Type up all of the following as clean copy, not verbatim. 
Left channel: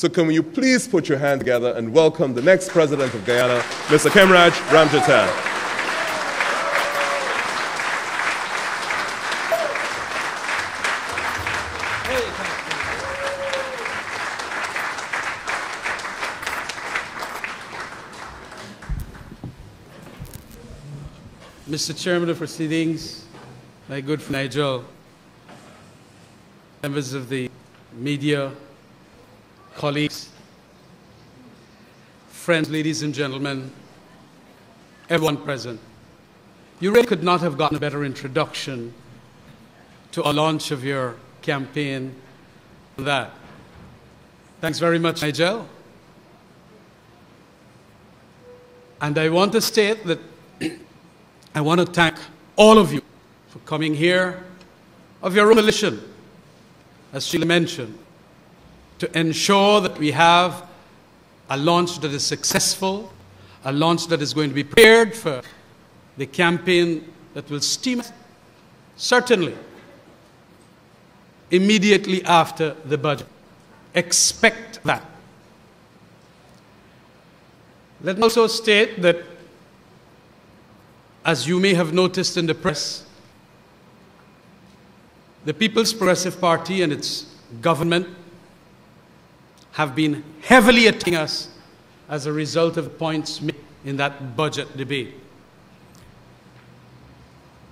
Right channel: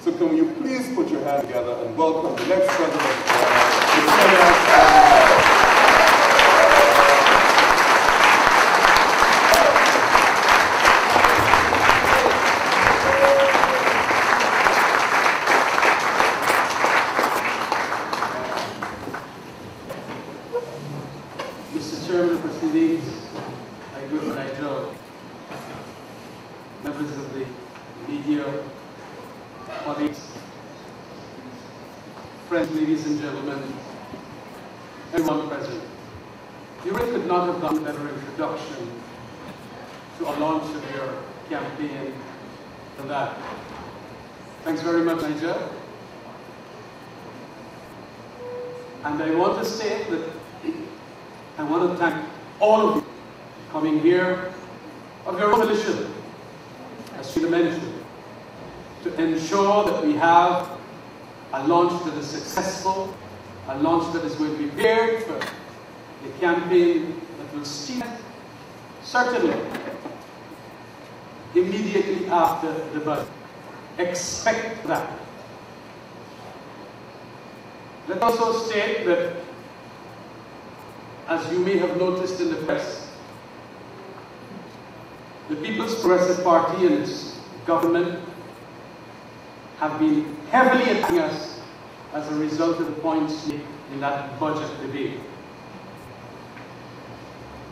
So can you please put your hand together and welcome the next president of Guyana, Mr. Khemraj Ramjattan. Mr. Chairman of Proceedings, my good friend Nigel, members of the media, colleagues, friends, ladies and gentlemen, everyone present. You really could not have gotten a better introduction to a launch of your campaign than that. Thanks very much, Nigel. And I want to state that I want to thank all of you for coming here of your own volition, as Sheila mentioned, to ensure that we have a launch that is successful, a launch that is going to be prepared for the campaign that will steam certainly immediately after the budget. Expect that. Let me also state that, as you may have noticed in the press, the People's Progressive Party and its government have been heavily attacking us as a result of the points made in that budget debate.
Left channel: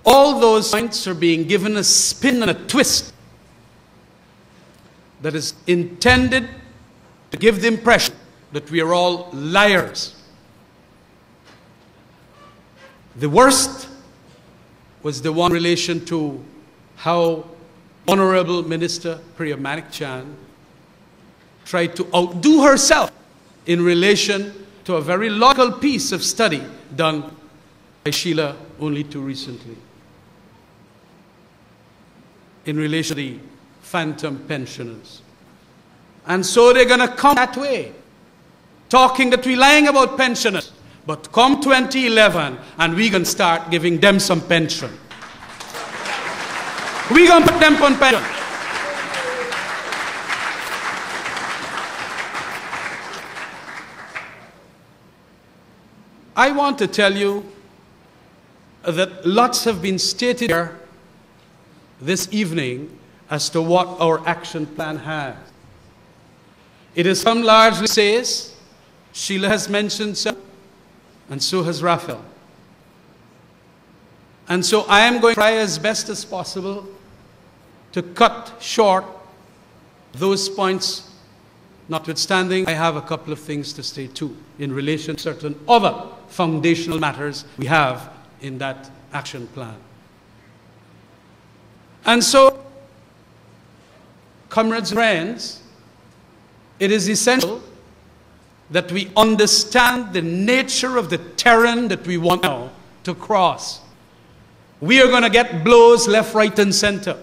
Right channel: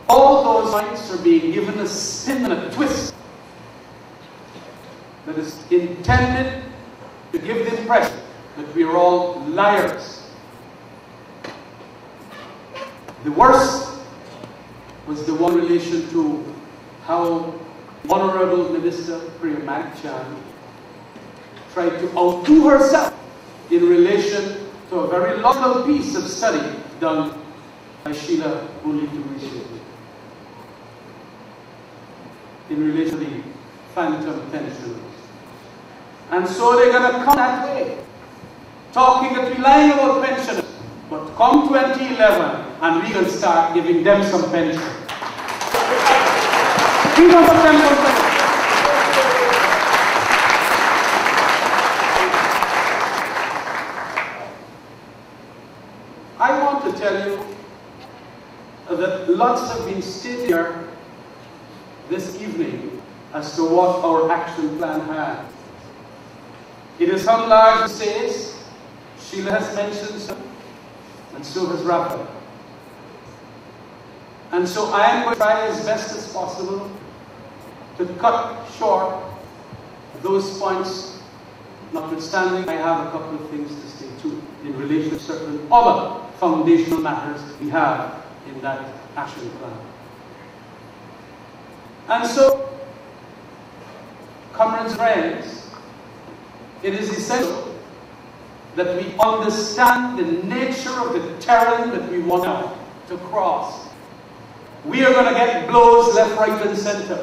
All those points are being given a spin and a twist that is intended to give the impression that we are all liars. The worst was the one in relation to how Honorable Minister Priya Manik-Chan tried to outdo herself in relation to a very logical piece of study done by Sheila only too recently in relation to the phantom pensioners. And so they're going to come that way, talking that we're lying about pensioners. But come 2011, and we're going to start giving them some pension. We're going to put them on pension. I want to tell you that lots have been stated here this evening as to what our action plan has. It is some largely says, Sheila has mentioned so, and so has Raphael. And so I am going to try as best as possible to cut short those points. Notwithstanding, I have a couple of things to say too in relation to certain other foundational matters we have in that action plan. And so, comrades and friends, it is essential that we understand the nature of the terrain that we want now to cross. We are going to get blows left, right, and center.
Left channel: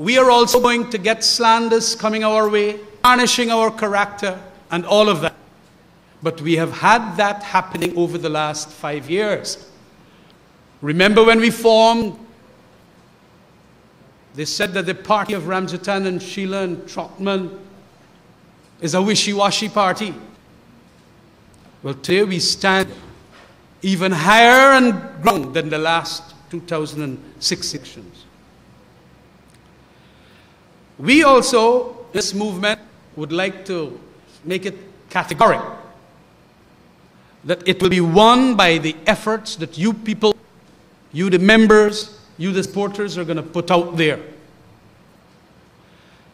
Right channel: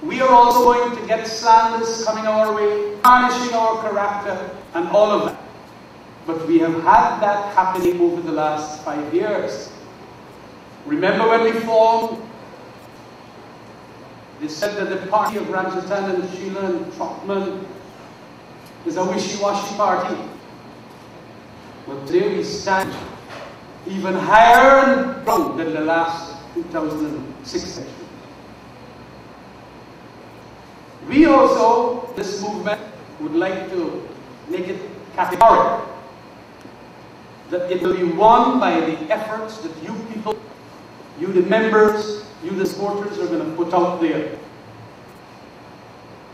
We are also going to get slanders coming our way, tarnishing our character, and all of that. But we have had that happening over the last 5 years. Remember when we formed, they said that the party of Ramjattan and Sheila and Trotman is a wishy-washy party. Well, today we stand even higher and ground than the last 2006 elections. We also, this movement, would like to make it categorical that it will be won by the efforts that you people, you the members, you the supporters are going to put out there.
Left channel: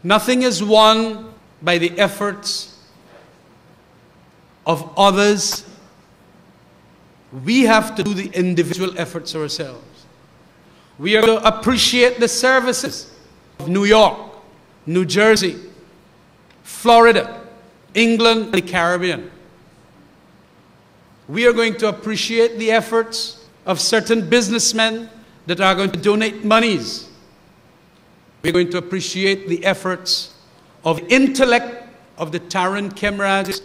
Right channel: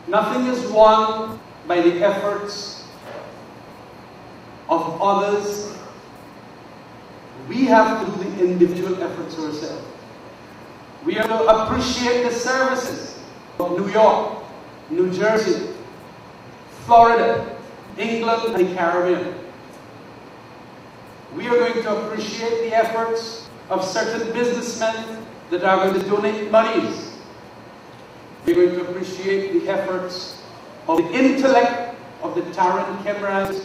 Nothing is won by the efforts of others. We have to do the individual efforts ourselves. We are to appreciate the services of New York, New Jersey, Florida, England, and the Caribbean. We are going to appreciate the efforts of certain businessmen that are going to donate monies. We're going to appreciate the efforts of the intellect of the Taran Khemraj,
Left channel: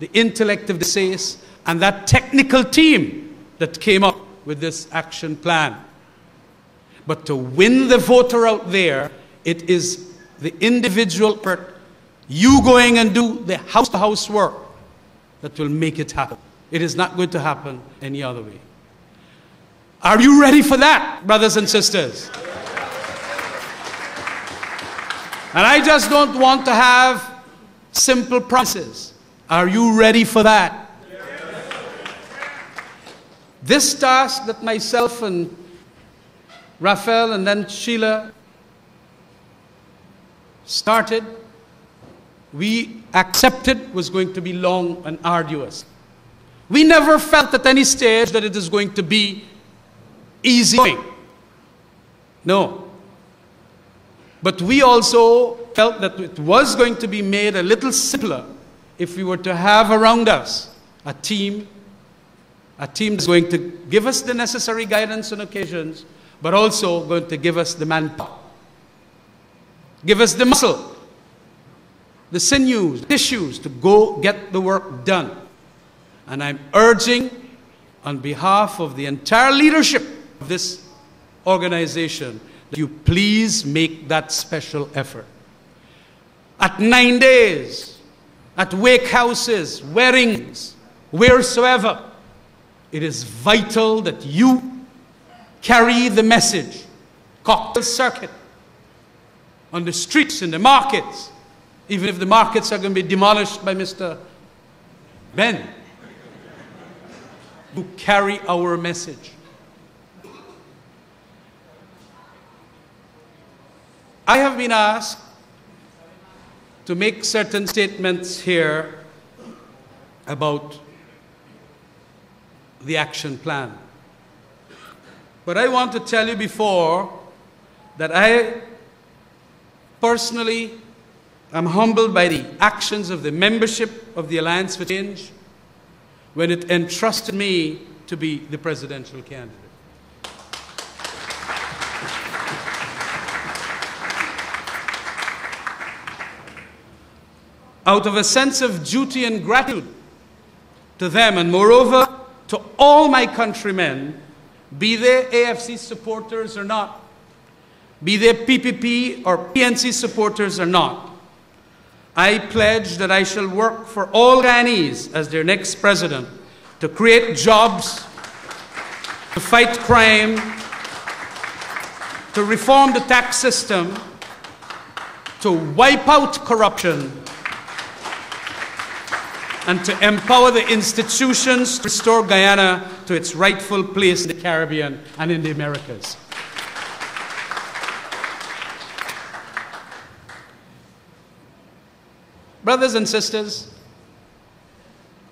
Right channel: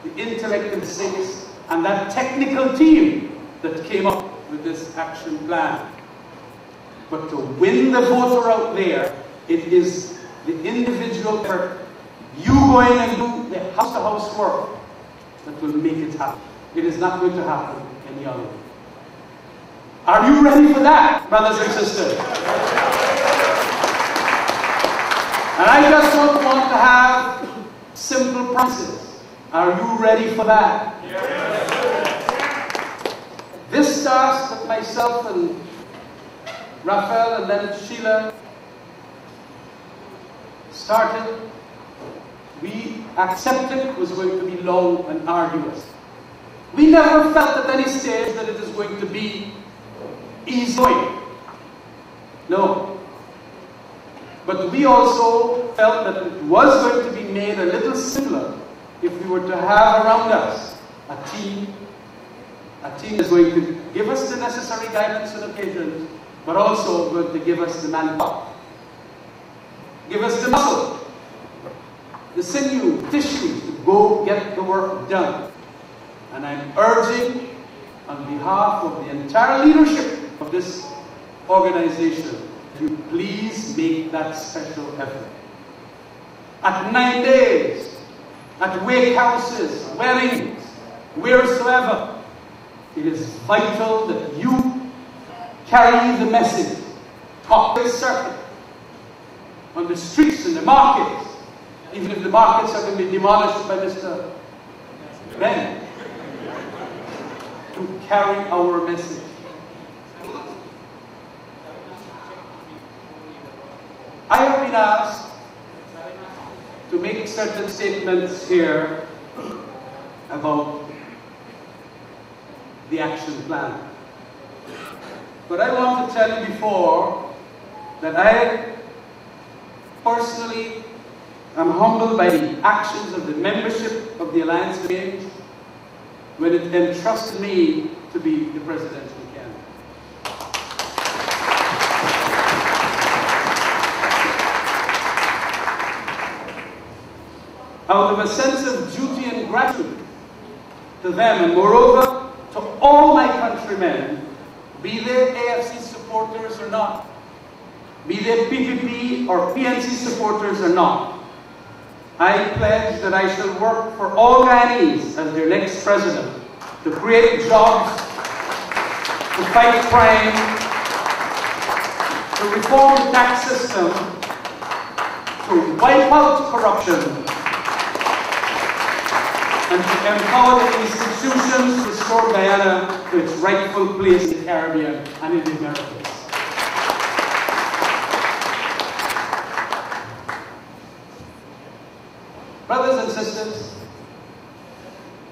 the intellect of the SACE, and that technical team that came up with this action plan. But to win the voter out there, it is the individual effort you going and do the house-to-house work that will make it happen. It is not going to happen any other way. Are you ready for that, brothers and sisters? And I just don't want to have simple promises. Are you ready for that? This task that myself and Raphael and then Sheila started, we accepted was going to be long and arduous. We never felt at any stage that it is going to be easy going. No. But we also felt that it was going to be made a little simpler if we were to have around us a team that's going to give us the necessary guidance on occasions, but also going to give us the manpower, give us the muscle, the sinews, tissues to go get the work done. And I'm urging on behalf of the entire leadership of this organization that you please make that special effort. At 9 days, at wake houses, weddings, wheresoever, it is vital that you carry the message. Cocktail circuit, on the streets, in the markets, even if the markets are going to be demolished by Mr. Ben, to carry our message. I have been asked to make certain statements here about the action plan. But I want to tell you before that I personally am humbled by the actions of the membership of the Alliance for Change when it entrusted me to be the presidential candidate. Out of a sense of duty and gratitude to them, and moreover to all my countrymen, be they AFC supporters or not, be they PPP or PNC supporters or not, I pledge that I shall work for all Ghanaians as their next president to create jobs, to fight crime, to reform the tax system, to wipe out corruption, and to empower the institutions to restore Guyana to its rightful place in the Caribbean and in the Americas. Brothers and sisters,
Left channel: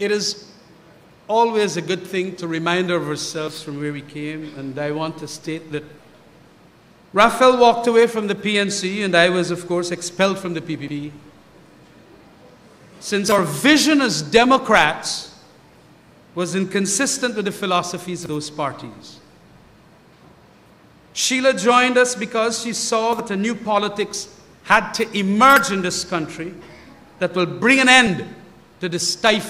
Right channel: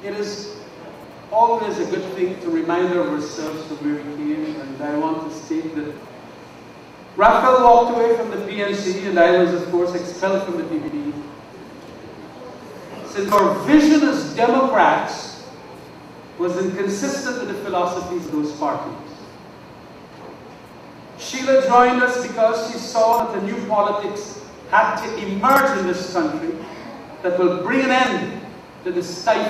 it is always a good thing to remind ourselves from where we came, and I want to state that Raphael walked away from the PNC and I was, of course, expelled from the PPP. Since our vision as Democrats was inconsistent with the philosophies of those parties. Sheila joined us because she saw that a new politics had to emerge in this country that will bring an end to the stifling